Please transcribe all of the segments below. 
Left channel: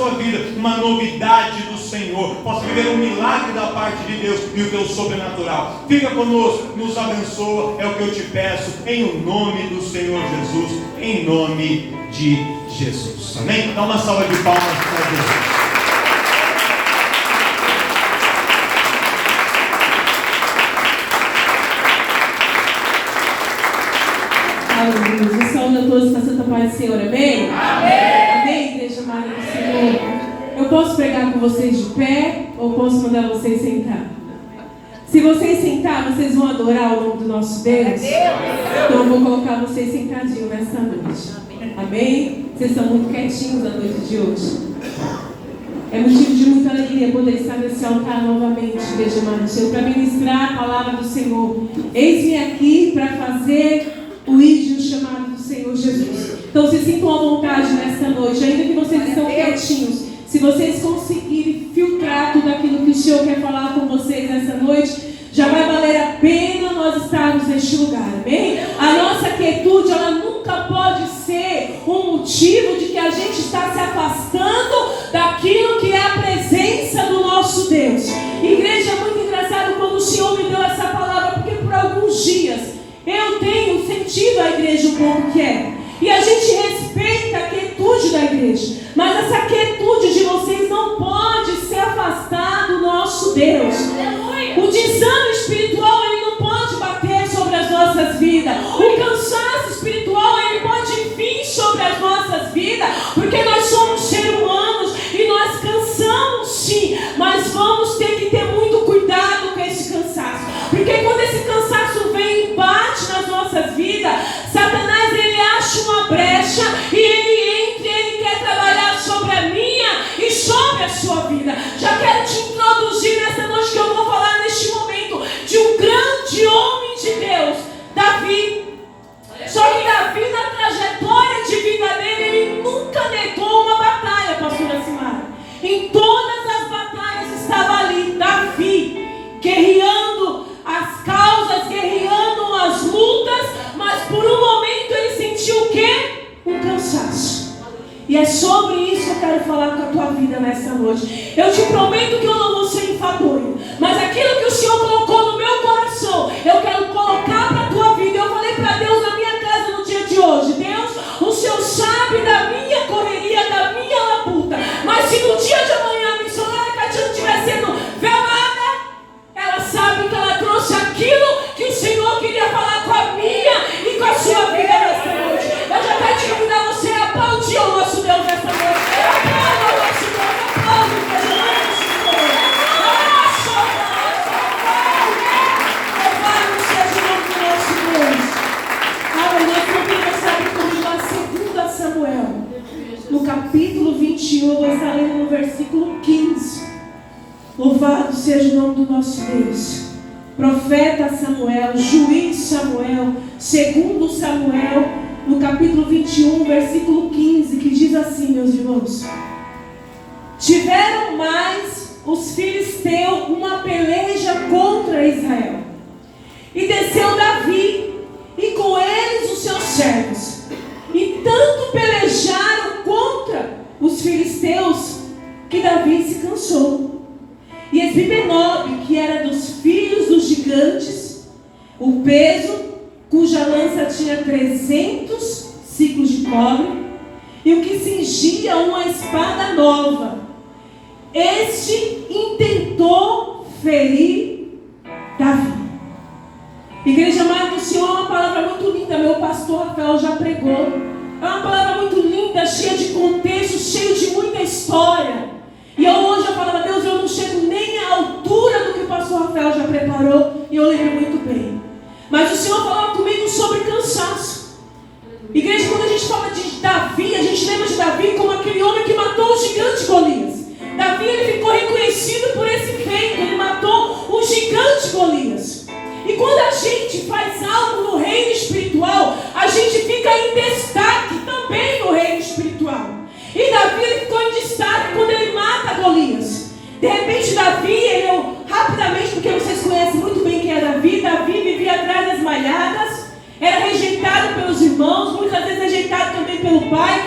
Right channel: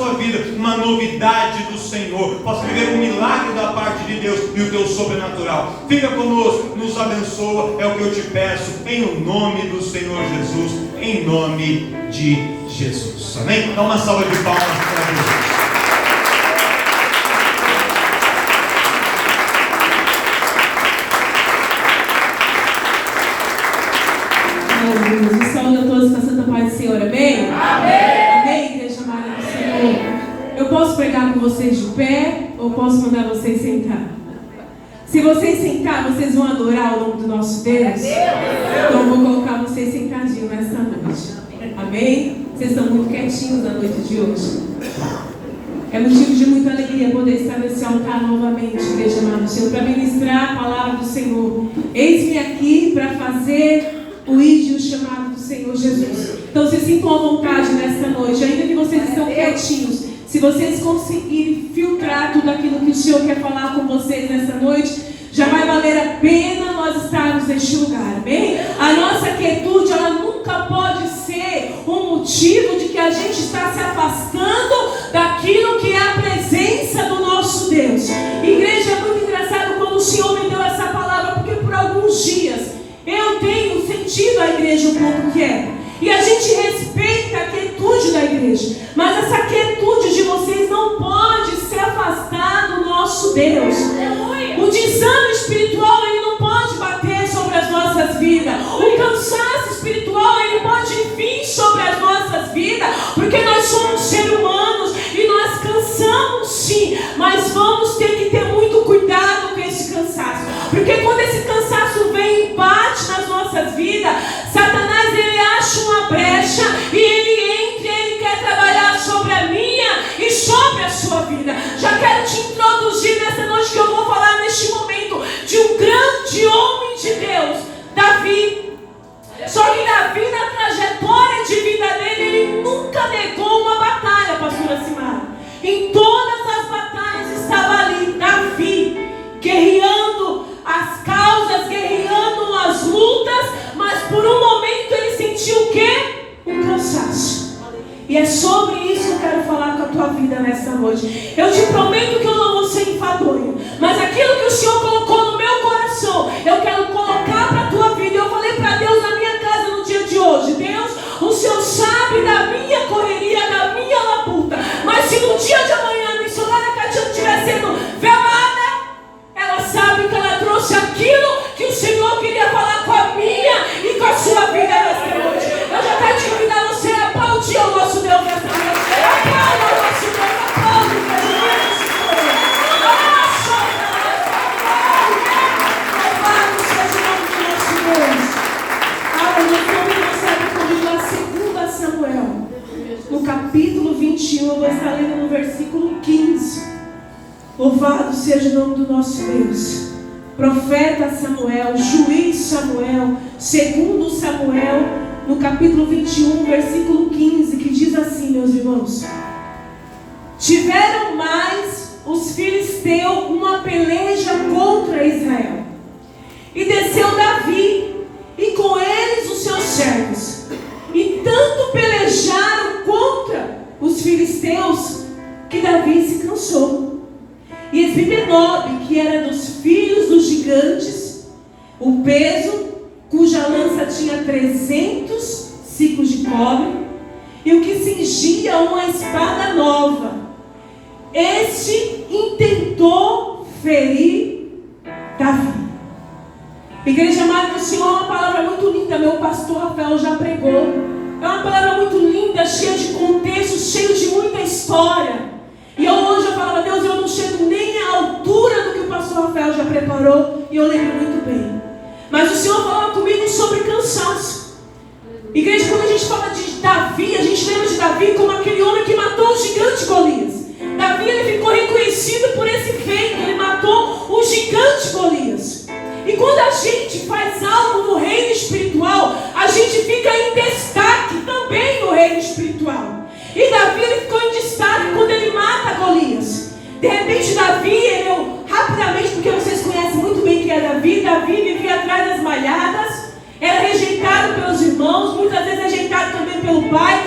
sua vida uma novidade do Senhor, possa viver um milagre da parte de Deus e o teu sobrenatural. Fica conosco, nos abençoa, é o que eu te peço, em o nome do Senhor Jesus, em nome de Jesus. Amém? Dá uma salva de palmas para Deus. Aleluia. Saúde a todos com a santa paz do Senhor. Amém? Amém. Amém, igreja amada do Senhor. Eu posso pregar com vocês de pé ou posso mandar vocês sentar? Se vocês sentar, vocês vão adorar o nome do nosso Deus? Então eu vou colocar vocês sentadinhos nesta noite. Amém? Vocês estão muito quietinhos na noite de hoje. É motivo de muita alegria poder estar nesse altar novamente, igreja amada do Senhor, para ministrar a palavra do Senhor. Eis-me aqui para fazer o ídolo chamado do Senhor Jesus. Então se sintam à vontade nesta noite, ainda que vocês estão quietinhos. Se vocês conseguirem filtrar tudo aquilo que o Senhor quer falar com vocês nesta noite, já vai valer a pena nós estarmos neste lugar, amém? A nossa quietude, ela nunca pode ser um motivo de que a gente está se afastando daquilo que é a presença do nosso Deus. Igreja, é muito engraçado quando o Senhor me deu essa palavra, porque por alguns dias eu tenho sentido a igreja um pouco quieta. E a gente respeita a quietude da igreja. Mas essa quietude de vocês não pode se afastar do nosso Deus. O desânimo espiritual, ele não pode bater sobre as nossas vidas. O cansaço espiritual, ele pode vir sobre as nossas vidas. Porque nós somos seres humanos e nós cansamos sim. Mas vamos ter que ter muito cuidado com esse cansaço. Porque quando esse cansaço vem e bate nas nossas vidas, Satanás, ele acha uma brecha e ele entra e ele quer trabalhar sobre a minha e sobre a sua vida. Já quero te introduzir nessa noite que eu vou falar neste momento de um grande homem de Deus, Davi. Só que Davi, na trajetória de vida dele, ele nunca negou uma batalha, pastora Simara. Em todas as batalhas estava ali Davi, guerreando as causas, guerreando as lutas, mas por um momento ele sentiu o quê? Um cansaço. E é sobre isso que eu quero falar com a tua vida nessa noite. Eu te prometo que eu não vou ser enfadonho, mas aquilo que o Senhor colocou no meu coração, eu quero colocar para a tua vida. Eu falei para Deus na minha casa no dia de hoje: Deus, o Senhor sabe da minha correria, da minha labuta, mas se no dia de amanhã a missionária Catiana estiver sendo velada, ela sabe que ela trouxe aquilo que o Senhor queria falar com a minha e com a sua vida nesta noite. Eu já quero te convidar você a aplaudir o nosso Deus nesta noite. Aplauda o nosso Deus, aplaude o Deus. Louvado seja o nome do nosso Deus. Aleluia. Como você abre comigo a 2 Samuel, no capítulo 21, eu vou estar lendo no versículo 15. Louvado seja o nome do nosso Deus. Profeta Samuel, juiz Samuel, segundo Samuel, no capítulo 21, versículo 15, que diz assim, meus irmãos: tiveram mais os filisteus uma peleja contra Israel, e desceu Davi, e com eles os seus servos, e tanto pelejaram contra os filisteus, que Davi se cansou. E Esbibenob, que era dos filhos dos gigantes, o peso, cuja lança tinha 300 ciclos de cobre, e o que cingia uma espada nova, este intentou ferir Davi. Igreja amada do Senhor, uma palavra muito linda, meu pastor Rafael já pregou. É uma palavra muito linda, cheia de contexto, cheia de muita história. E hoje eu falava: Deus, eu não chego nem à altura do que o pastor Rafael já preparou, e eu lembro muito bem. Mas o Senhor falava comigo sobre cansaço. Igreja, quando a gente fala de Davi, a gente lembra de Davi como aquele homem que matou o gigante Golias. Davi, ele ficou reconhecido por esse feito, ele matou o gigante Golias. E quando a gente faz algo no reino espiritual, a gente fica em destaque também no reino espiritual. E Davi, ele ficou em destaque quando ele mata Golias. De repente Davi, rapidamente, porque vocês conhecem muito bem quem é Davi. Davi vivia atrás das malhadas, era rejeitado pelos irmãos, muitas vezes rejeitado também pelo pai.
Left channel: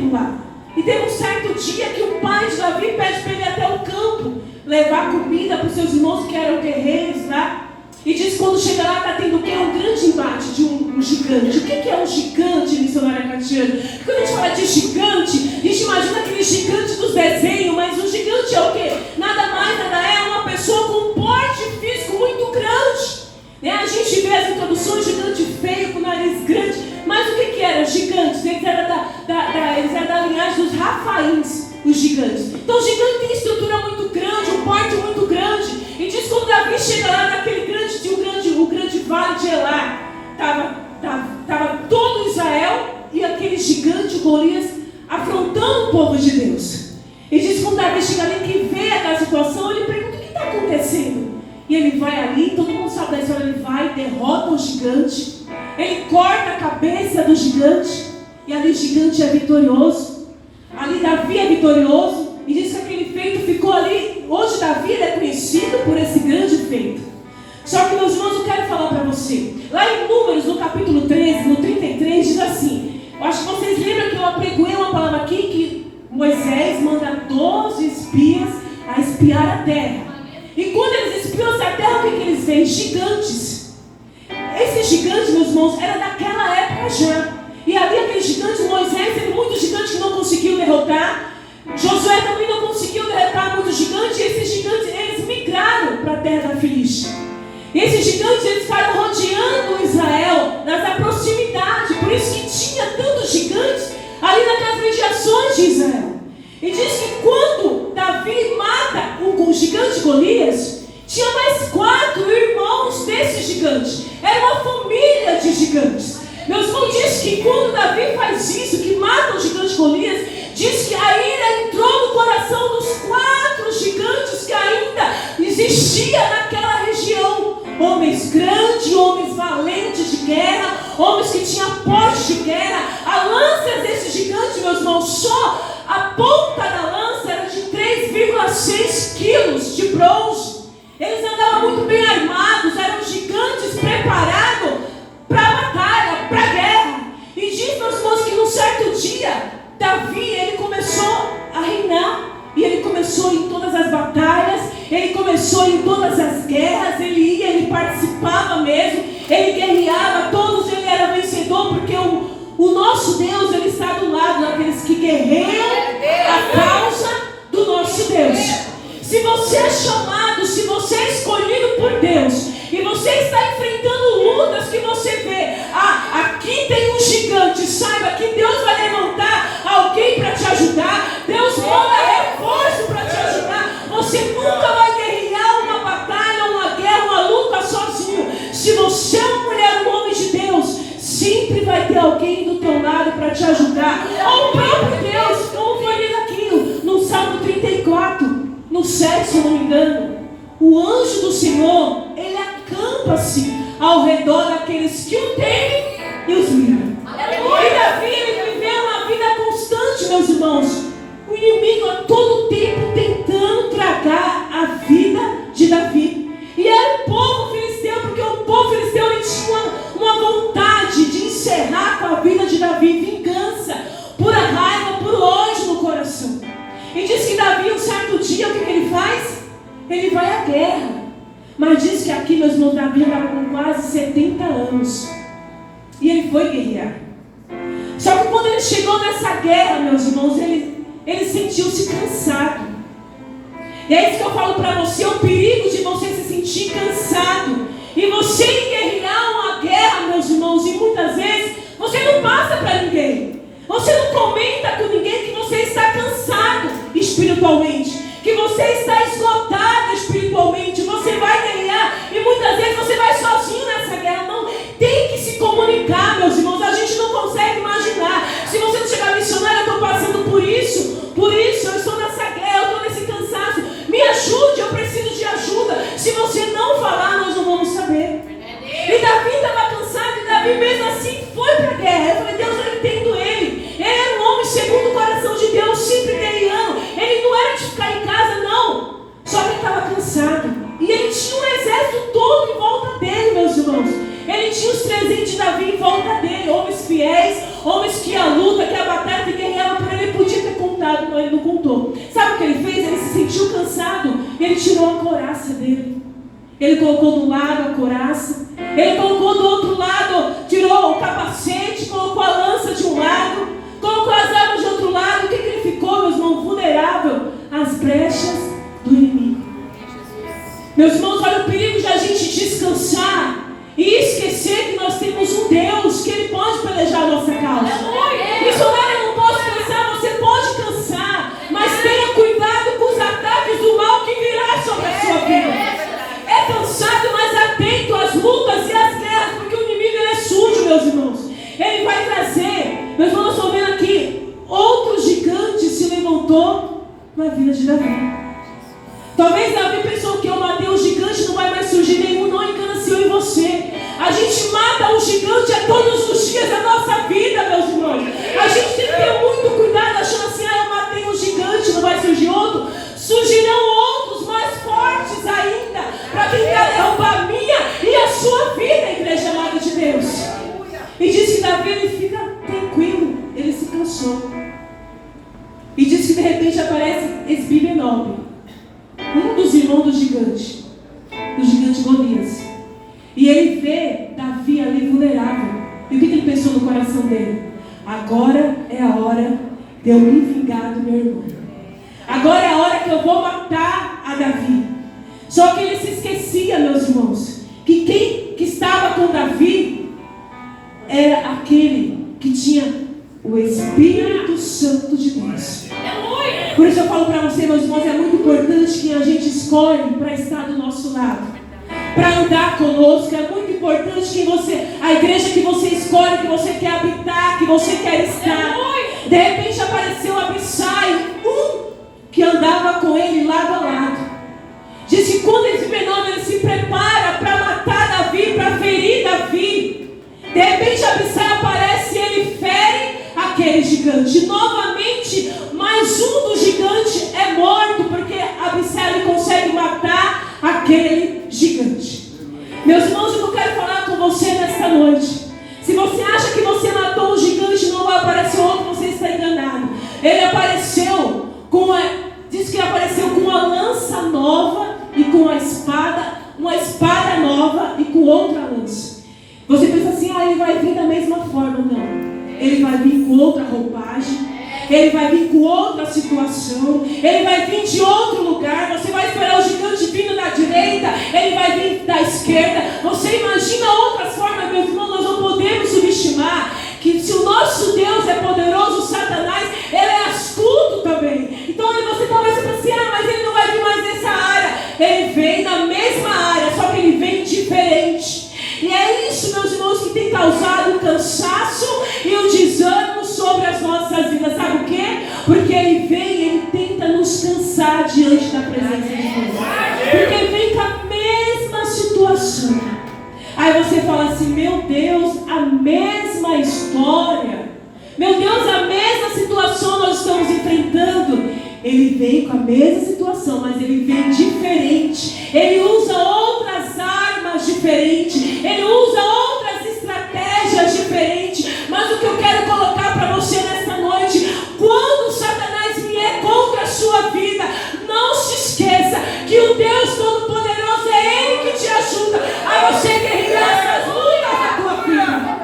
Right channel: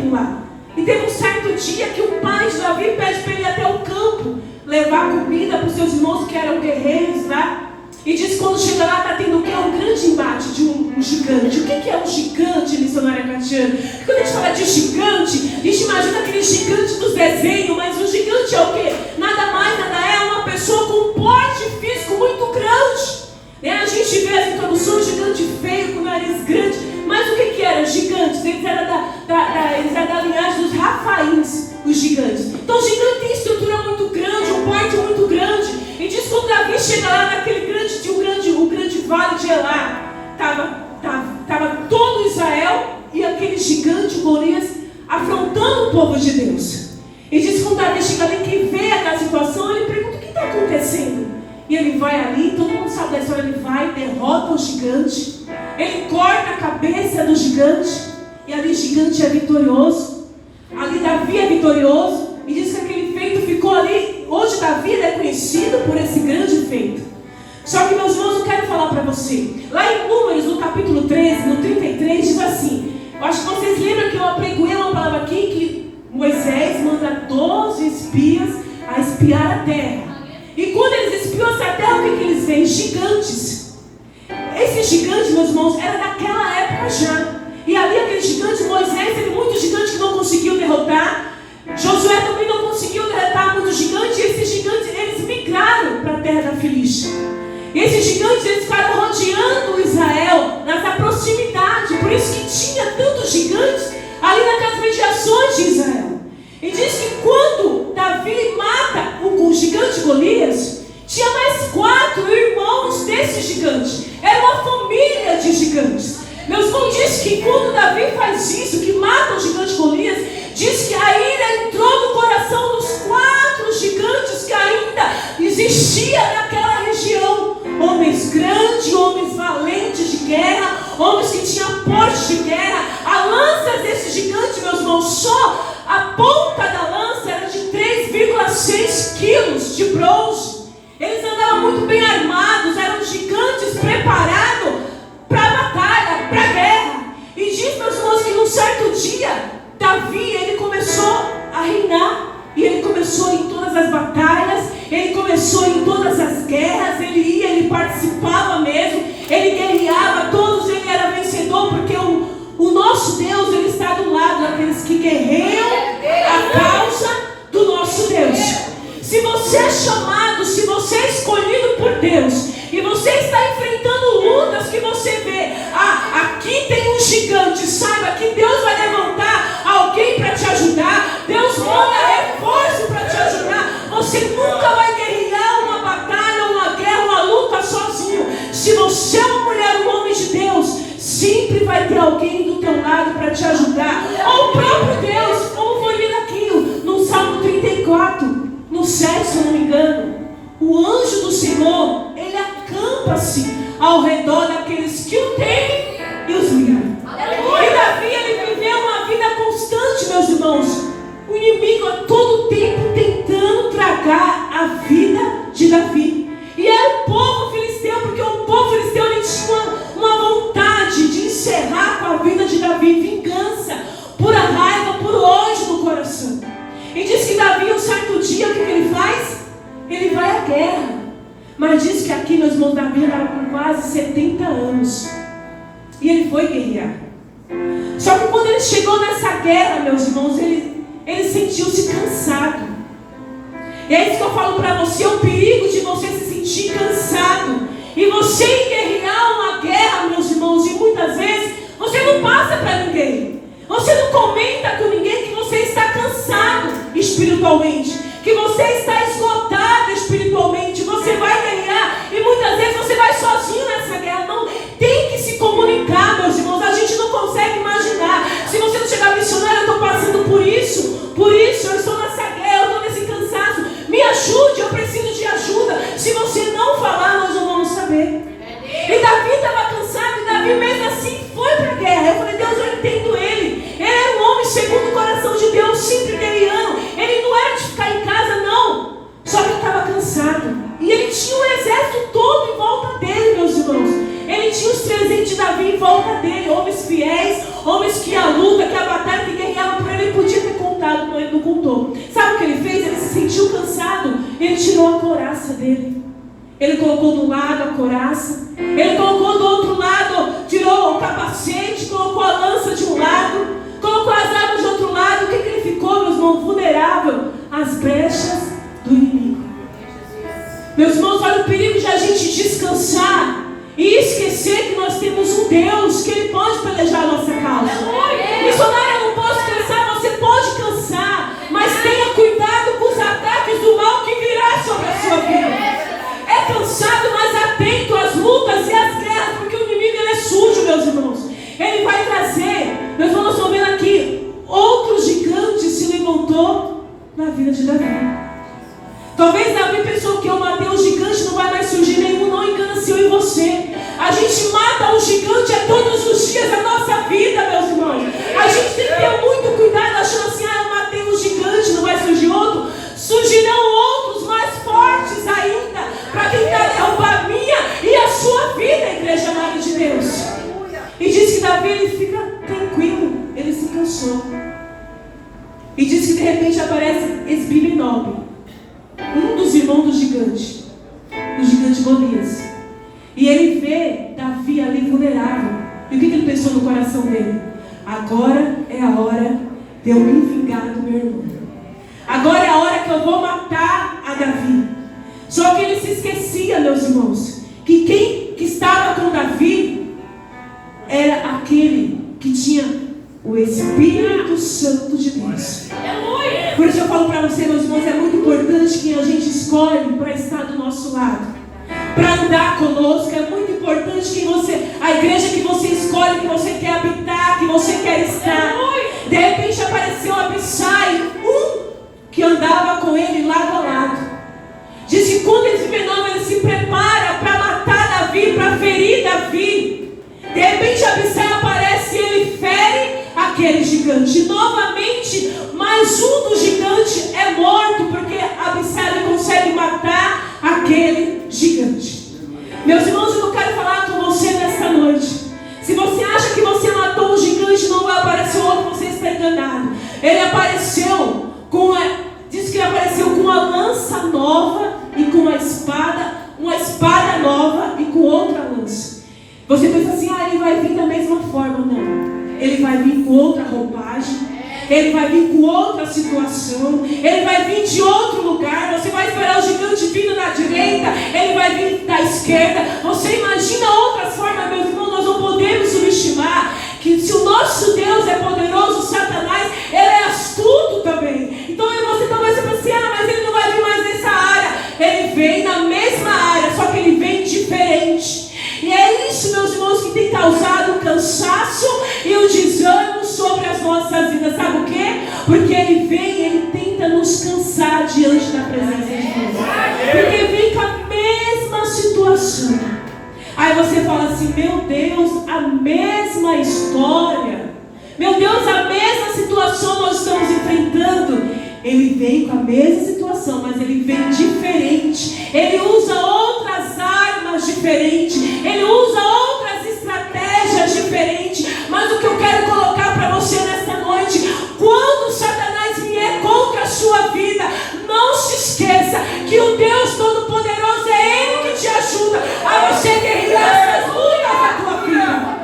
templo lá. E teve um certo dia que o pai de Davi pede para ele ir até o campo levar comida para os seus irmãos que eram guerreiros lá. E diz que quando chega lá está tendo o quê? Um grande embate de um gigante. O que é um gigante, missionária Catiana? Quando a gente fala de gigante, a gente imagina aquele gigante dos desenhos, mas o gigante é o quê? Nada mais, nada é uma pessoa com um porte físico muito grande. A gente vê as introduções, gigante feio, com nariz grande. Mas o que eram gigantes? Eles eram da linhagem dos Rafaíns, os gigantes. Então o gigante tem estrutura muito grande, um porte muito grande. E diz que quando Davi chega lá naquele o grande vale de Elá, estava todo Israel e aquele gigante Golias afrontando o povo de Deus. E diz que quando Davi chega ali, que vê aquela situação, ele pergunta: o que está acontecendo? E ele vai ali, todo mundo sabe da história, ele vai, derrota o gigante, ele corta a cabeça do gigante, e ali o gigante é vitorioso, ali Davi é vitorioso, e diz que aquele feito ficou ali. Hoje Davi é conhecido por esse grande feito. Só que, meus irmãos, eu quero falar para você, lá em Números, no capítulo 13, no 33, diz assim, eu acho que vocês lembram que eu apregoei uma palavra aqui, que Moisés manda 12 espias a espiar a terra. E quando eles espiam essa terra, o que eles veem? Gigantes. Esses gigantes, meus irmãos, era daquela época já. E ali aquele gigante, Moisés teve muitos gigantes que não conseguiu derrotar. Josué também não conseguiu derrotar muitos gigantes. E esses gigantes, eles migraram para a terra da Filístia. E esses gigantes, eles ficaram rodeando Israel nas proximidades. Por isso que tinha tantos gigantes ali naquelas mediações de Israel. E diz que quando Davi mata o gigante Golias, tinha mais 4 irmãos desse gigante. Era uma família de gigantes. Meus irmãos, diz que quando Davi faz isso, que mata o gigante Golias, diz que a ira entrou no coração dos 4 gigantes que ainda existia naquela região. Homens grandes, homens valentes de guerra, homens que tinham porte de guerra. A lança desse gigante, meus irmãos, só a ponta da lança era de 3,6 quilos de bronze. Eles andavam muito bem armados, eram gigantes preparados para a batalha, para a guerra. E diz, meus irmãos, que num certo dia, Davi, ele começou a reinar. E ele começou em todas as batalhas, ele começou em todas as guerras, ele ia, ele participava mesmo, ele guerreava, todos ele era vencedor, porque o nosso Deus, ele está do lado daqueles que guerreiam a causa do nosso Deus. Se você é chamado, se você é escolhido por Deus, e você está enfrentando lutas que você vê, aqui tem um gigante, saiba que Deus vai levantar alguém para te ajudar, Deus manda reforço para te ajudar. Você nunca vai guerrear uma batalha, uma guerra, uma luta sozinho. Se você é uma mulher, um homem de Deus, sempre vai ter alguém do teu lado para te ajudar. Ou o próprio Deus, como foi lido aqui no Salmo 34, no 7, se não me engano. O anjo do Senhor, ele acampa-se ao redor daqueles que o temem e os livram. E Davi, ele viveu uma vida constante, meus irmãos. O inimigo a todo tempo tentando tragar a vida de Davi. E era o povo filisteu, porque o povo filisteu, ele tinha uma vontade de encerrar com a vida de Davi, vingança, pura raiva, puro ódio no coração. E diz que Davi, um certo dia, o que ele faz? Ele vai à guerra. Mas diz que aqui, meus irmãos, Davi estava com quase 70 anos. E ele foi guerrear. Só que quando ele chegou nessa guerra, meus irmãos, ele sentiu-se cansado. E é isso que eu falo para você, o perigo de você se sentir cansado. E você guerrear uma guerra, meus irmãos, e muitas vezes você não passa para ninguém. Você não comenta com ninguém que você está cansado espiritualmente, que você está esgotado espiritualmente. Você vai guerrear e muitas vezes você vai sozinho nessa guerra. Não, tem que se comunicar, meus irmãos. A gente não consegue imaginar. Se você não chegar missionário, eu estou passando por isso, eu estou nessa guerra, eu estou nesse cansaço, me ajude, eu preciso de ajuda. Se você não falar, nós não vamos saber. E Davi estava cansado, e Davi mesmo assim foi para a guerra. Eu falei, Deus, eu entendo ele. Ele era um homem segundo o coração de Deus, sempre guerreando. Ele não era de ficar em casa, não. Ele colocou do lado a couraça. Ele colocou do outro lado, tirou o capacete, colocou a lança de um lado, colocou as armas de outro lado. O que ele ficou, meus irmãos? Vulnerável às brechas do inimigo. Meus irmãos, olha o perigo de a gente descansar e esquecer que nós temos um Deus que Ele pode pelejar a nossa causa. Missionária, eu não posso cansar. Você pode cansar, mas tenha cuidado com os ataques do mal que virá sobre a sua vida. É cansado, mas atento às lutas e às guerras, porque o inimigo ele é sujo, meus irmãos. Ele vai trazer, meus irmãos, estão vendo aqui, outro gigante se levantou na vida de Davi. Talvez Davi pensou que eu matei o gigante, não vai mais surgir nenhum. Não, engana-se eu e você. A gente mata o gigante todos os dias da nossa vida, meus irmãos. A gente tem que ter muito cuidado, achando assim, eu matei um gigante, não vai surgir outro. Surgirão outros mais fortes ainda, para tentar derrubar a minha e a sua vida, igreja amada de Deus. E diz que Davi, ele fica tranquilo, ele se cansou. E diz que de repente aparece Esbi-Benob, um dos irmãos do gigante Golias. E ele vê Davi ali vulnerável. E o que ele pensou no coração dele? Agora é a hora de eu me vingar do meu irmão. Agora é a hora que eu vou matar a Davi. Só que ele se esquecia, meus irmãos, que quem que estava com Davi era aquele que tinha o Espírito Santo de Deus. Por isso eu falo para você, meus irmãos, é muito importante que a gente escolhe para estar do nosso lado, para andar conosco. É muito importante que a igreja que você escolhe, que você quer habitar, que você quer estar. De repente apareceu Abissai, que andava com ele lado a lado. Diz que quando esse fenômeno ele se prepara para matar Davi, para ferir Davi, de repente Abissai aparece e ele fere aquele gigante. Novamente, mais um do gigante é morto, porque Abissai consegue matar aquele gigante. Meus irmãos, eu quero falar com você nesta noite. Se você acha que você matou um gigante, não vai aparecer outro, você está enganado. Ele apareceu diz que ele apareceu com uma lança nova e com uma espada nova e com outra lança. Você pensa assim, ele vai vir da mesma forma. Não, ele vai vir com outra roupagem, ele vai vir com outra situação, ele vai vir de outro lugar. Você vai esperar o gigante vindo da direita, ele vai vir da esquerda. Você imagina outras formas, meus irmãos. Nós não podemos subestimar que se o nosso Deus é poderoso, Satanás, ele é astuto também. Então você talvez pense assim, mas ele não vai vir mais nessa área. Ele vem na mesma área, só que ele vem diferente. E é isso, meus irmãos, que tem causado o cansaço e o desânimo sobre as nossas vidas. Sabe o quê? Porque ele vem, ele tenta nos cansar diante da presença de Deus. Porque ele vem com a mesma situação. Aí você fala assim, meu Deus, a mesma história. Meu Deus, a mesma situação nós estamos enfrentando. Ele vem com a mesma situação, mas ele vem diferente. Ele usa outras armas diferentes. Ele usa outras estratégias diferentes. Mas o que eu quero colocar para você nesta noite, quando Satanás vier contra a sua vida, não se esqueça que o Deus Todo-Poderoso é Ele que te ajuda a você guerrear essas lutas da tua vida.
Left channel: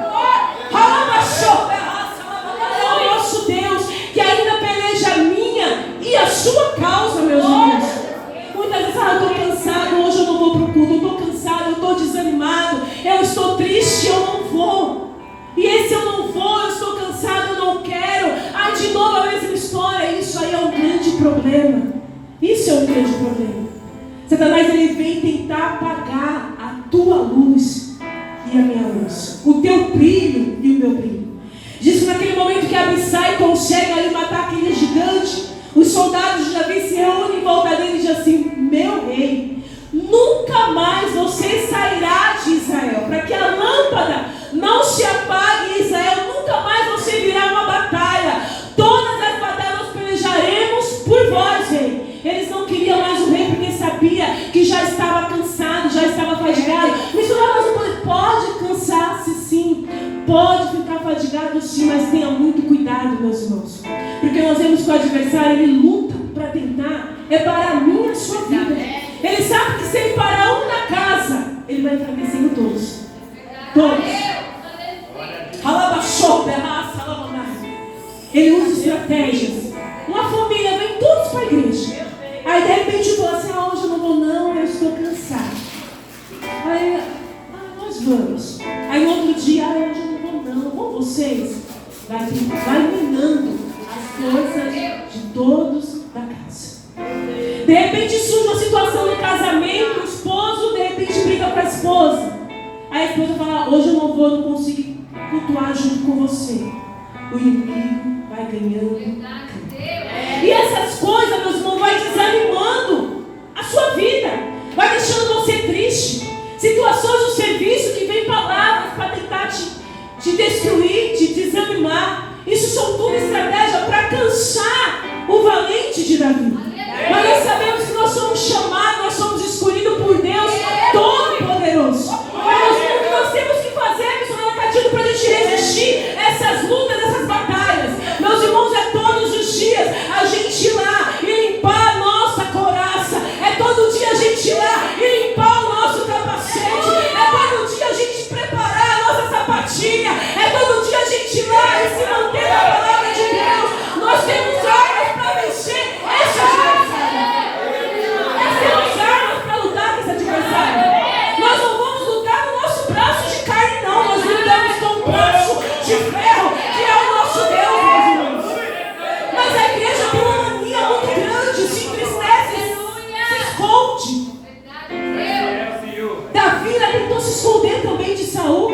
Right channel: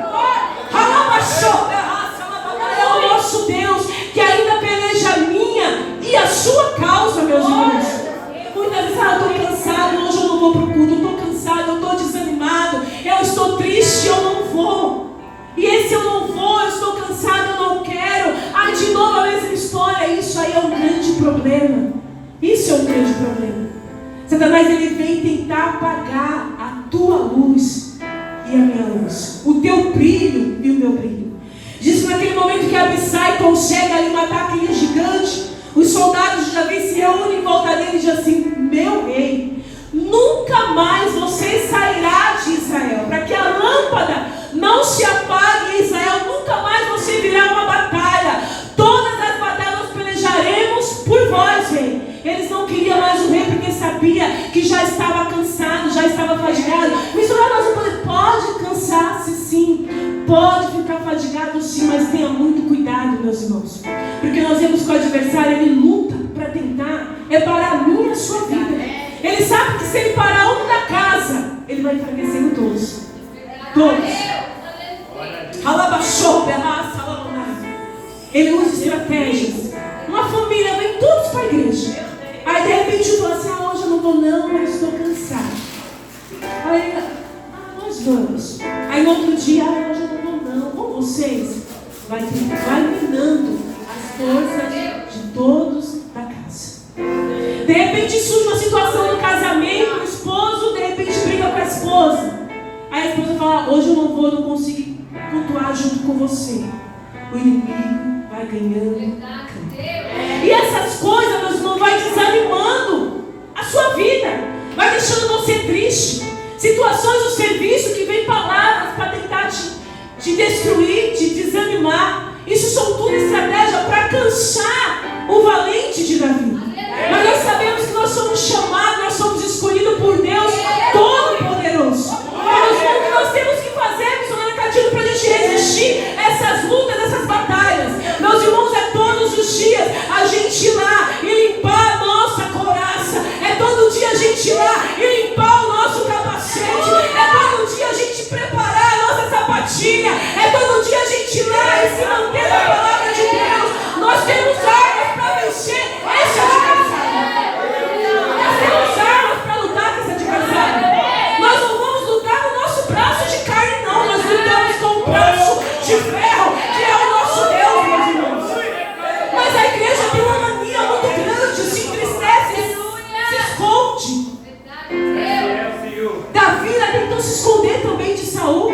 É o nosso Deus que ainda peleja a minha e a sua causa, meus irmãos. Muitas vezes eu estou cansado, hoje eu não vou para o culto, eu estou cansado, eu estou desanimado, eu estou triste, eu não vou. E esse eu não vou, eu estou cansado, eu não quero. De novo a mesma história. Isso aí é um grande problema. Isso é um grande problema. Satanás, ele vem tentar apagar a tua luz e a minha luz, o teu brilho e o meu brilho. Diz que naquele momento que Abissai consegue ali matar aquele gigante, os soldados de Davi se reúnem em volta dele e dizem assim, meu rei, nunca mais você sairá de Israel, para que a lâmpada não se apague em Israel, nunca mais você virá uma batalha. Todas as batalhas nós pelejaremos por vós, rei. Eles não queriam mais o rei porque sabia que já estava cansado, já estava fadigado. Missionário, nós não podemos. Pode cansar-se sim, pode ficar fadigado sim, mas tenha muito cuidado, meus irmãos. Porque nós vemos que o adversário, ele luta para tentar parar a minha e a sua vida. Ele sabe que se ele parar um da casa, Ele vai enfraquecer em todos. Todos. Ele usa estratégias. Uma família vem todos para a igreja. Aí de repente fala assim: hoje eu não vou não, eu estou cansado. Aí, nós vamos. Aí no outro dia, hoje eu não vou não. Com vocês, vai minando as forças de todos da casa. De repente surge uma situação no casamento, o esposo de repente briga com a esposa. Aí a esposa fala: hoje eu não vou, não consigo cultuar junto com você. O inimigo vai ganhando. E essas coisas, meus irmãos, vai desanimando a sua vida, vai deixando você triste. Situações do serviço que vem palavras para tentar te destruir, te desanimar. Isso são tudo estratégia para cansar o valente de Davi. Mas nós sabemos que nós somos chamados, nós somos escolhidos por Deus Todo-Poderoso. O que nós temos que fazer, missionário Catino, para a gente resistir essas lutas, essas batalhas, meus irmãos, é todos os dias a gente ir lá e limpar a nossa couraça. É todo dia a gente ir lá e limpar o nosso capacete. É todo dia a gente preparar a nossa sapatilha. É todo dia a gente ir lá e se manter na palavra de Deus. Nós temos armas para vencer esse adversário. Nós temos armas para lutar com esse adversário. Nós não vamos lutar no nosso braço de carne, não. Nós lutamos com o braço de ferro, que é o nosso Deus, meus irmãos. Mas a igreja tem uma mania muito grande, se entristece, se esconde. Davi tentou se esconder também de Saul.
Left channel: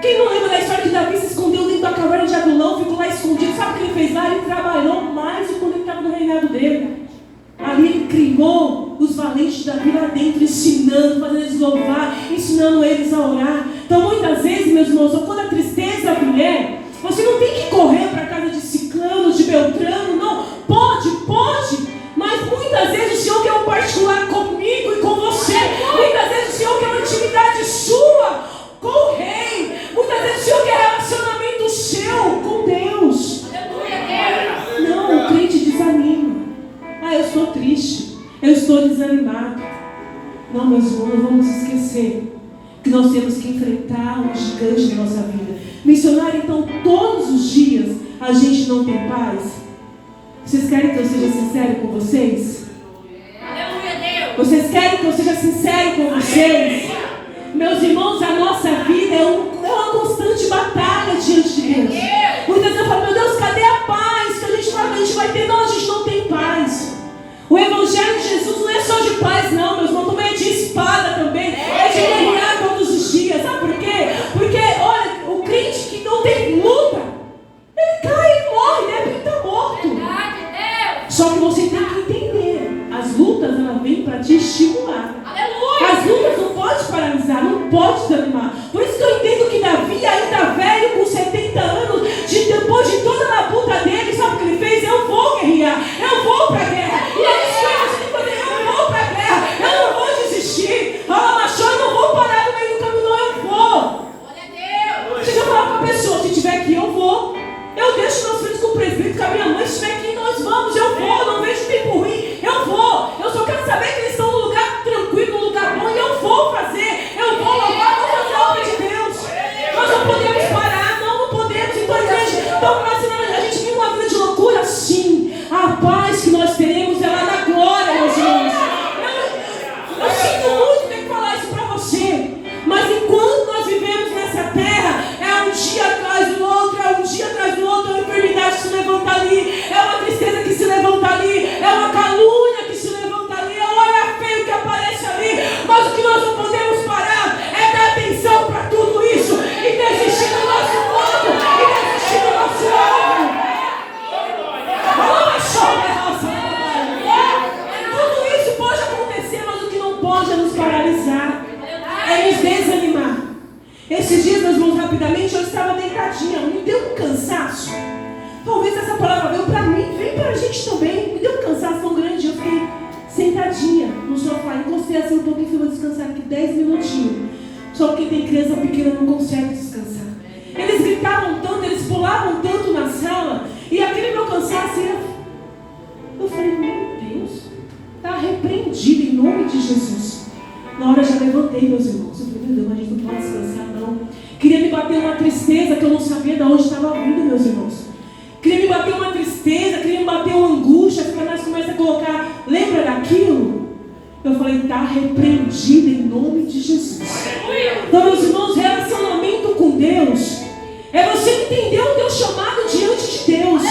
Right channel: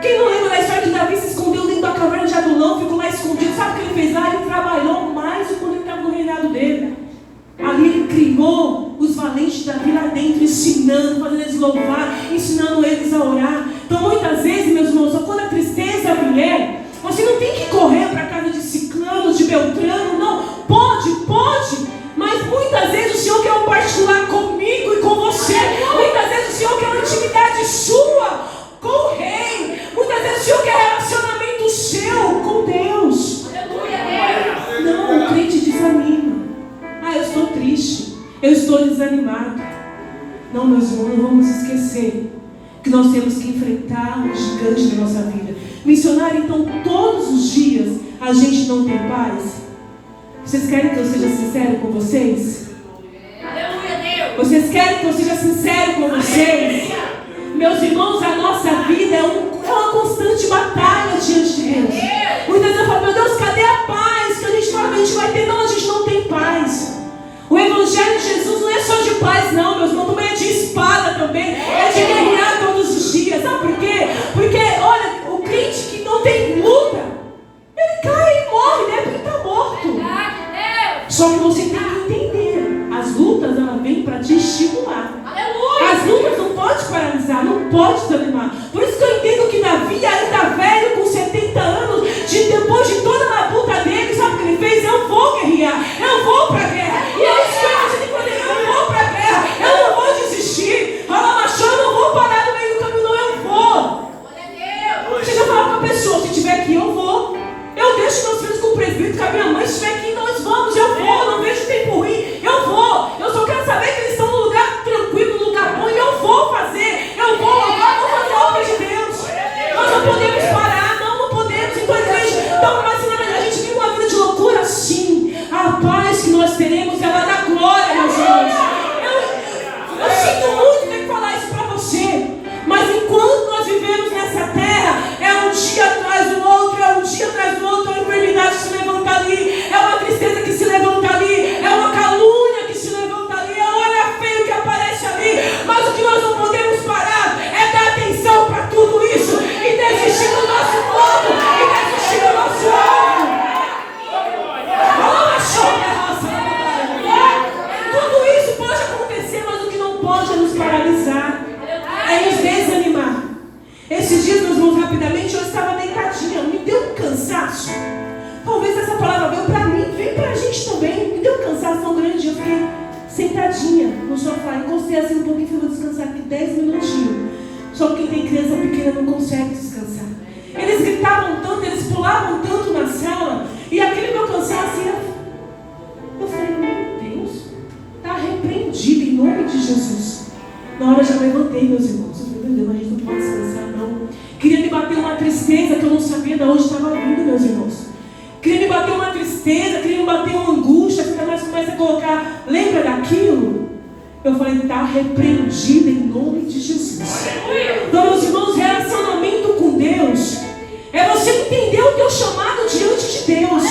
Quem não lembra da história que Davi se escondeu dentro da caverna de Adulão, ficou lá escondido? Sabe o que ele fez lá? Ele trabalhou mais do que quando ele estava no reinado dele. Ali ele criou os valentes de Davi lá dentro, ensinando, fazendo eles louvar, ensinando eles a orar. Então muitas vezes, meus irmãos, quando a tristeza vier, você não tem que correr para a casa de Ciclano, de Beltrano, não. Pode, mas muitas vezes o Senhor quer um particular comigo e com você. Muitas vezes o Senhor quer uma intimidade sua com o rei. Muitas vezes o Senhor quer relacionamento seu com Deus. Não, o crente desanima. Eu estou triste, eu estou desanimado. Não, meus irmãos, não vamos esquecer que nós temos que enfrentar o gigante da nossa vida. Missionário, então, todos os dias a gente não tem paz. Vocês querem que eu seja sincero com vocês? Vocês querem que eu seja sincero com vocês? Meus irmãos, a nossa vida é uma constante batalha diante de Deus. Muitas vezes eu falo: meu Deus, cadê a paz que a gente fala que a gente vai ter? Não, a gente não tem paz. O Evangelho de Jesus não é só de paz, não, meus irmãos, também é de espada também, é de guerrear todos os dias. Sabe por quê? Porque, olha, o crente que não tem luta, ele cai e morre, né? Porque ele está morto. Só que você tem que entender, as lutas, elas vêm para te estimular. As lutas não pode paralisar, não pode desanimar. Por isso que eu entendo que Davi, ainda velho, com 70 anos, depois de toda a labuta dele, sabe o que ele fez? Eu vou guerrear, eu vou para a guerra. E é isso que você tem que fazer: eu vou para a guerra, eu não vou desistir. Eu não vou parar no meio do caminho, não, eu vou. Chega a falar com a pessoa: se tiver aqui, eu vou. Eu deixo meus filhos com o presbítero, com a minha mãe. Se estiver aqui, nós vamos, eu vou. Não vejo tempo ruim, eu vou. Eu só quero saber que eles estão num lugar tranquilo, num lugar bom, e eu vou fazer. Eu vou louvar, vou fazer a obra de Deus. Nós não podemos parar, não podemos. Então, igreja, então, a gente vive uma vida de loucura? Sim. A paz que nós teremos é lá na glória, meus irmãos. Eu sinto muito ter que falar isso para você. Mas enquanto nós vivemos nessa terra, é um dia atrás do outro, é um dia atrás do outro, é uma enfermidade que se levanta ali, é uma tristeza que se levanta ali, é uma calúnia que se levanta ali, é um olhar feio que aparece ali. Mas o que nós não podemos parar é dar atenção para tudo isso e desistir do nosso fogo e desistir do nosso alvo. Tudo isso pode acontecer, mas o que não pode é nos paralisar, é nos desanimar. Esses dias, meus irmãos, rapidamente, eu estava deitadinha, me deu um cansaço. Talvez essa palavra veio para mim, veio para a gente também. Me deu um cansaço tão grande, eu fiquei sentadinha no sofá, encostei assim um pouquinho, falei: vou descansar aqui 10 minutinhos. Só que quem tem criança pequena não consegue descansar. Eles gritavam tanto, eles pulavam tanto na sala, e aquele meu cansaço era... Eu falei: meu Deus, está repreendido em nome de Jesus. Na Na hora eu já levantei, meus irmãos. Eu falei, meu Deus, a gente não pode descansar, não. Queria me bater uma tristeza que eu não sabia de onde estava vindo, meus irmãos. Queria me bater uma tristeza, queria me bater uma angústia. Nós começa a colocar, lembra daquilo? Eu falei, está repreendido em nome de Jesus. Então, meus irmãos, relacionamento com Deus é você entender o teu chamado diante de Deus.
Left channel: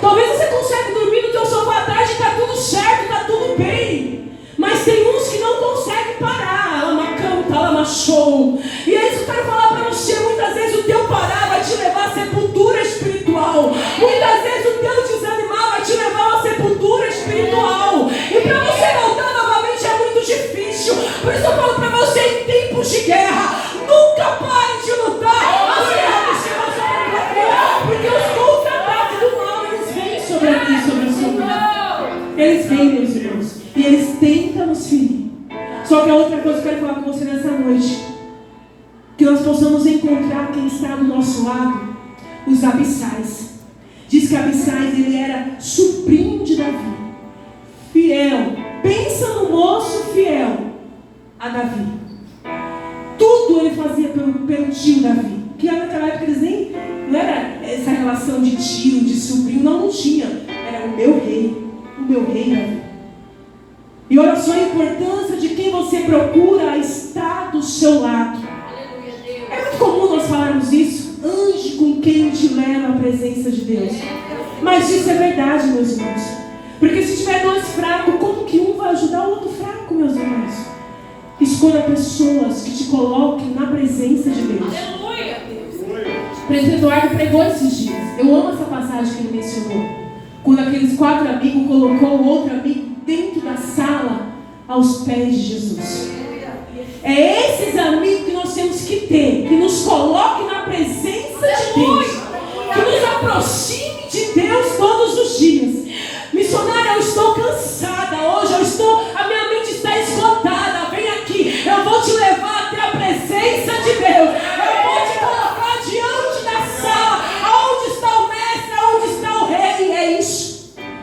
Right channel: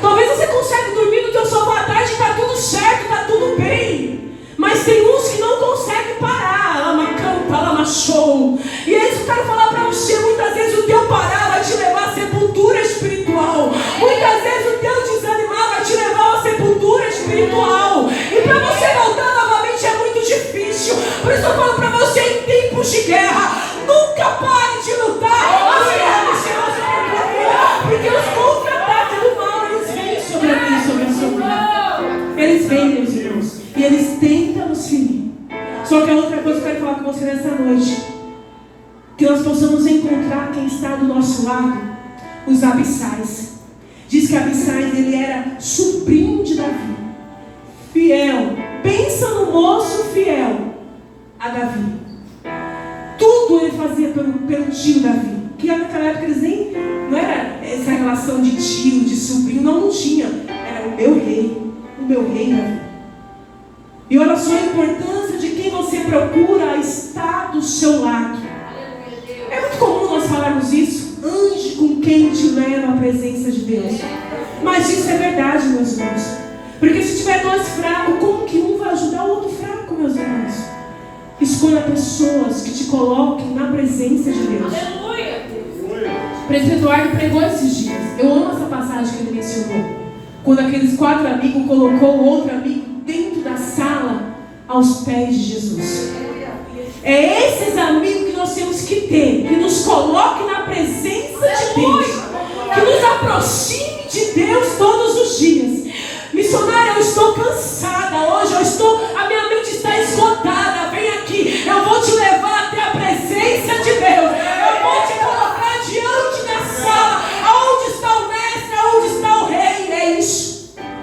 Talvez você consiga dormir no teu sofá à tarde e está tudo certo, está tudo bem. Mas tem uns que não conseguem parar. Lama canta, lama show. E é isso que eu quero falar para você. Muitas vezes o teu parar vai te levar à sepultura espiritual. Muitas vezes o teu desanimar vai te levar à sepultura espiritual. E para você voltar novamente é muito difícil. Por isso eu falo para você, em tempos de guerra, nunca pare de lutar. As guerras do Senhor sobre a tua vida. Porque os contra-ataques do mal, eles vêm sobre a tua, sobre a sua vida. Eles vêm, meus irmãos. E eles tentam nos ferir. Só que a outra coisa que eu quero falar com você nessa noite, que nós possamos encontrar quem está do nosso lado, os Abissais. Diz que Abissais, ele era sobrinho de Davi, fiel. Pensa no moço fiel a Davi. Tudo ele fazia pelo tio Davi. Que naquela época eles nem, não era essa relação de tio, de sobrinho, não tinha. Era o meu rei Davi. E olha só a importância de quem você procura estar do seu lado. É muito comum nós falarmos isso. Ande com quem te leva à presença de Deus. Mas isso é verdade, meus irmãos. Porque se tiver dois fracos, como que um vai ajudar o outro fraco, meus irmãos? Escolha pessoas que te coloquem na presença de Deus. O presidente Eduardo pregou esses dias. Eu amo essa passagem que ele mencionou. Quando aqueles 4 amigos colocou o outro amigo dentro da sala aos pés de Jesus. É esses amigos que nós temos que ter, que nos coloquem na presença de Deus, que nos aproxime de Deus todos os dias. Missionária, eu estou cansada hoje, a minha mente está esgotada. Vem aqui, eu vou te levar até a presença de Deus. Eu vou te colocar diante da sala, onde está o mestre, onde está o rei. É isso.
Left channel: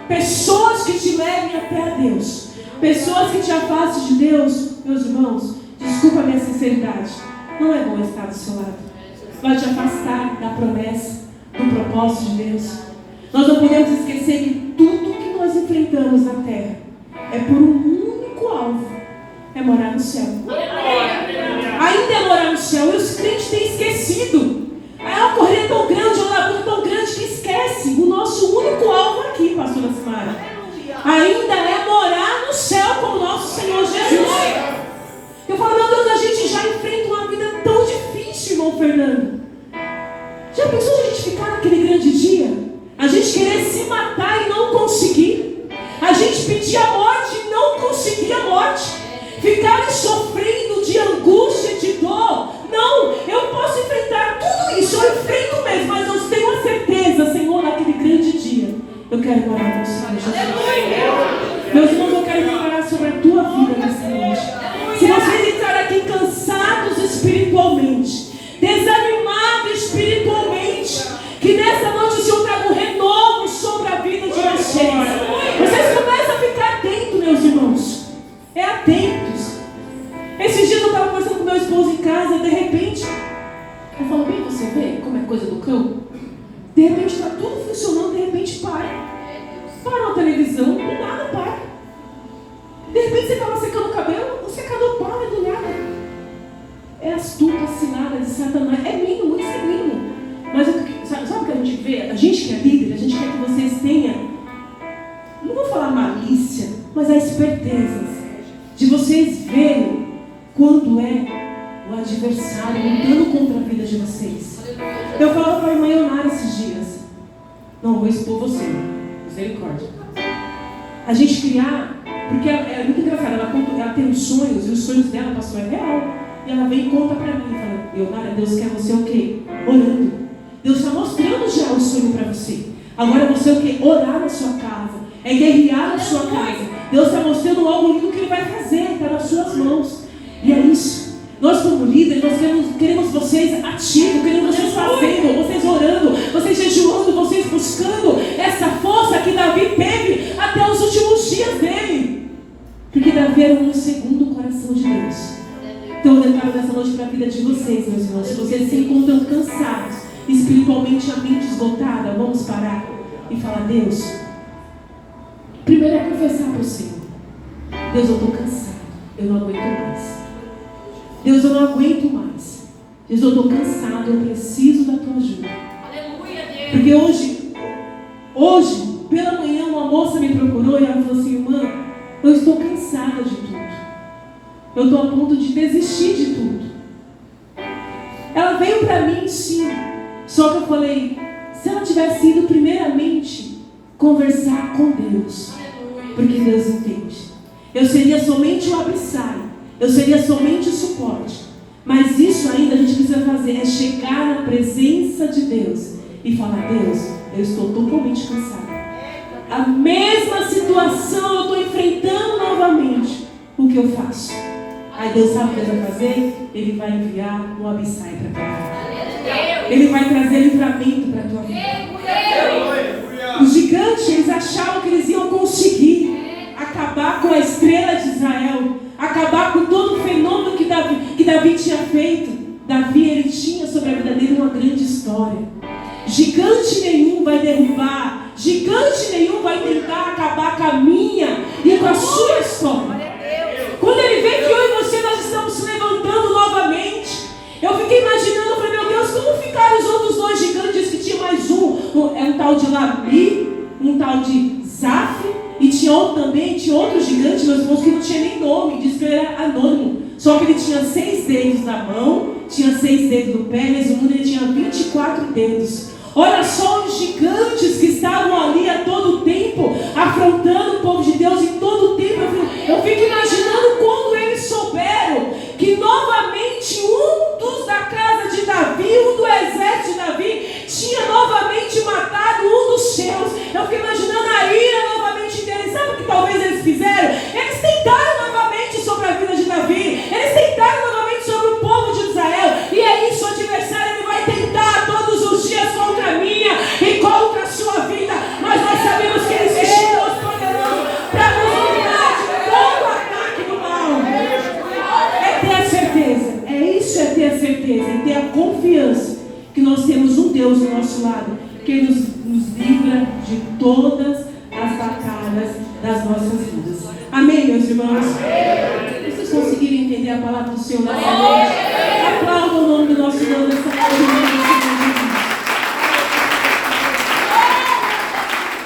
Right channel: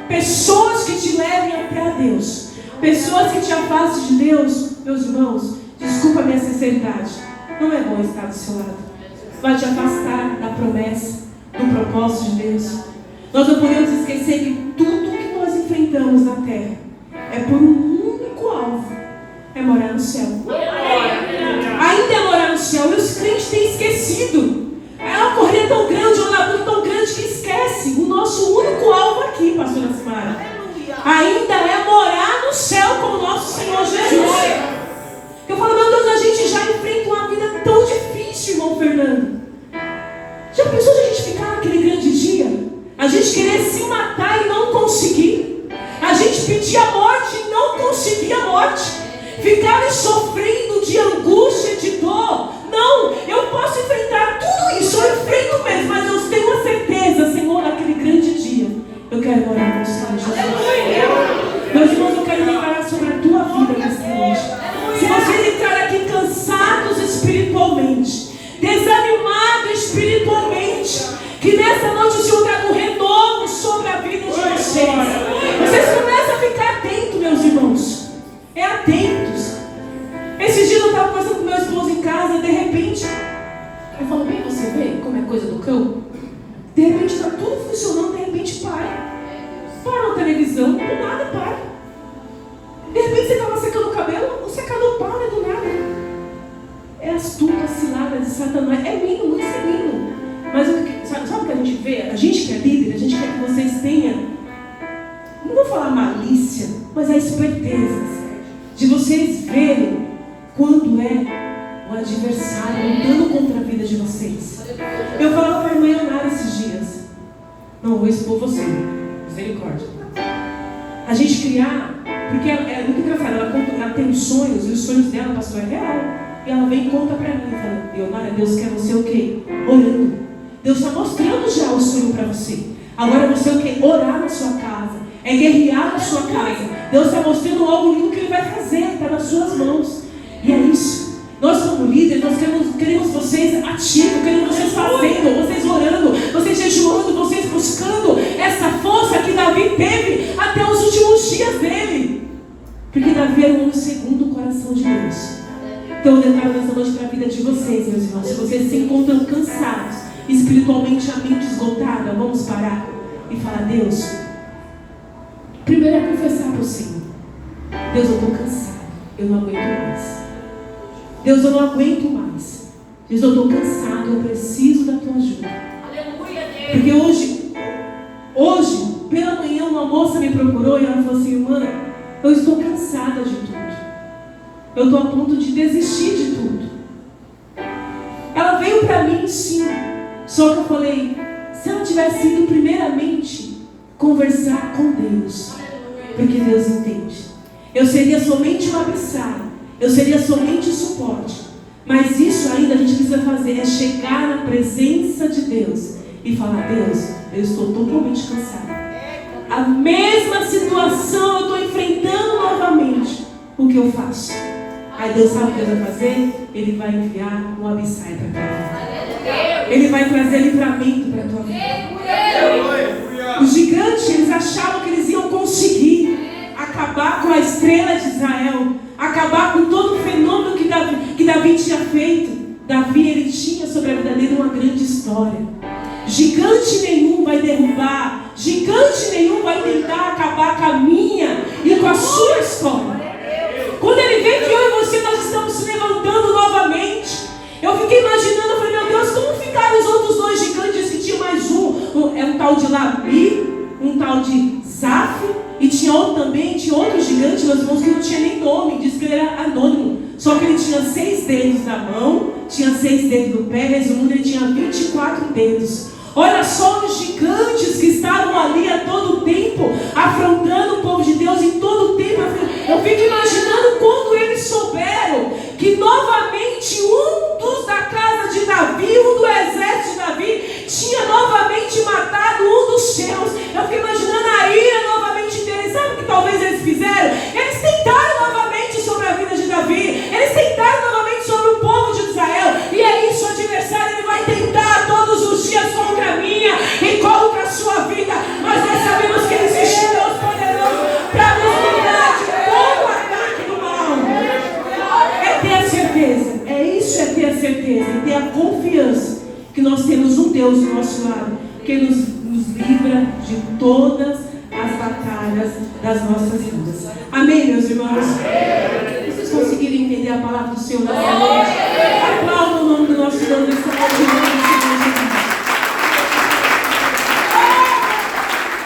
Pessoas que te levem até a Deus, pessoas que te afastem de Deus, meus irmãos, desculpa a minha sinceridade, não é bom estar do seu lado. Vai te afastar da promessa, do propósito de Deus. Nós não podemos esquecer que tudo que nós enfrentamos na terra é por um único alvo: é morar no céu. Ainda é morar no céu. E os crentes têm esquecido. É uma corrida tão grande, uma labuta tão grande, que esquece o nosso único alvo aqui, pastora Simara. Ainda é morar no céu com o nosso Senhor Jesus. Eu falo, meu Deus, a gente já enfrenta uma vida tão difícil, irmão Fernando. Já pensou de a gente ficar naquele grande dia? A gente querer se matar e não conseguir. A gente pedir a morte e não conseguir a morte. Ficar sofrendo de angústia, de dor. Não, eu posso enfrentar tudo isso. Eu enfrento mesmo, mas eu tenho uma certeza, Senhor, naquele grande dia eu quero morar com o Senhor Jesus. Meus irmãos, eu quero declarar sobre a tua vida nessa noite. Se vocês entrarem aqui cansados espiritualmente, desanimados espiritualmente, que nessa noite o Senhor traga um renovo sobre a vida de vocês. Vocês começam a ficar atentos, meus irmãos. É atentos. Esses dias eu estava conversando com meu esposo em casa, de repente, eu falo, bem, você vê como é coisa do cão? De repente está tudo funcionando, de repente para. Para na televisão, do nada para. De repente você estava secando o cabelo, o secador para do nada. É astuta, cilada de Satanás. É mínimo, isso é mínimo. Mas sabe o que a gente vê? A gente que é líder, a gente quer que vocês tenham, não vou falar malícia, mas a esperteza de vocês verem quando é o adversário lutando contra a vida de vocês. Eu falava para a irmã Leonara esses dias, não vou expor você, misericórdia. A gente criar, porque é muito engraçado, ela tem os sonhos, e os sonhos dela, pastor, é real. E ela vem e conta para mim, fala, Leonara, Deus quer você o quê? Orando. Deus está mostrando já o sonho para você. Agora você o quê? Orar na sua casa. É guerrear na sua casa. Deus está mostrando algo lindo que Ele vai fazer. Está nas suas mãos. E é isso. Nós como líderes, nós queremos vocês ativos. Queremos vocês fazendo, vocês orando, vocês jejuando, vocês buscando essa força que Davi teve até os últimos dias dele. Porque Davi era um segundo o coração de Deus. vocês, meus irmãos, se vocês se encontram cansados, espiritualmente a mente esgotada, vamos parar e falar: Deus, primeiro é confessar para o Senhor: Deus, eu estou cansado, eu não aguento mais. Deus, eu não aguento mais. Deus, eu estou cansado, eu preciso da tua ajuda. Porque hoje, pela manhã, uma moça me procurou e ela falou assim: irmã, eu estou cansada de tudo. Eu estou a ponto de desistir de tudo. Ela veio para mim, sim. Só que eu falei: se ela tivesse ido primeiramente conversar com Deus, porque Deus entende, eu seria somente o Abissai, eu seria somente o suporte. Mas isso ainda a gente precisa fazer, é chegar na presença de Deus e falar: Deus, eu estou totalmente cansado. A mesma situação eu estou enfrentando novamente. O que eu faço? Aí Deus sabe o que Deus vai fazer? Ele vai enviar um Abissai para a tua vida. Ele vai trazer livramento para a tua vida. Os gigantes, eles achavam que eles iam conseguir acabar com a estrela de Israel, acabar com todo o fenômeno que Davi tinha feito. Davi, ele tinha sobre a vida dele uma grande história. Gigante nenhum vai derrubar, gigante nenhum vai tentar acabar com a minha e com a sua história. Quando ele vê que eu e você nós estamos se levantando novamente, eu fiquei imaginando, eu falei: meu Deus, como ficaram os outros dois gigantes que tinha mais um tal de Labi, um tal de Zaf, e tinha outro gigante, meus irmãos, que não tinha nem nome, diz que ele era anônimo, só que ele tinha 6 dedos na mão, tinha 6 dedos no pé, resumindo, ele tinha 24 dedos. Olha só os gigantes que estavam ali a todo tempo, afrontando o povo de Deus em todo tempo. Eu fico imaginando quando eles souberam que novamente um dos da casa de Davi, um do exército de Davi, tinha novamente matado um dos seus. Eu fico imaginando a ira novamente deles. Sabe o que talvez eles fizeram? Eles tentaram novamente sobre a vida de Davi, eles tentaram novamente sobre o povo de Israel. E é isso, o adversário ele vai tentar todos os dias contra a minha e contra a sua vida. Mas nós sabemos que ele existe Deus poderoso para nos livrar de todo o ataque do mal. É ter a certeza, é isso, é ter a certeza, e ter a confiança que nós temos um Deus do nosso lado, que nos livra de todas as batalhas das nossas vidas. Amém, meus irmãos? Vocês conseguiram entender a palavra do Senhor nessa noite?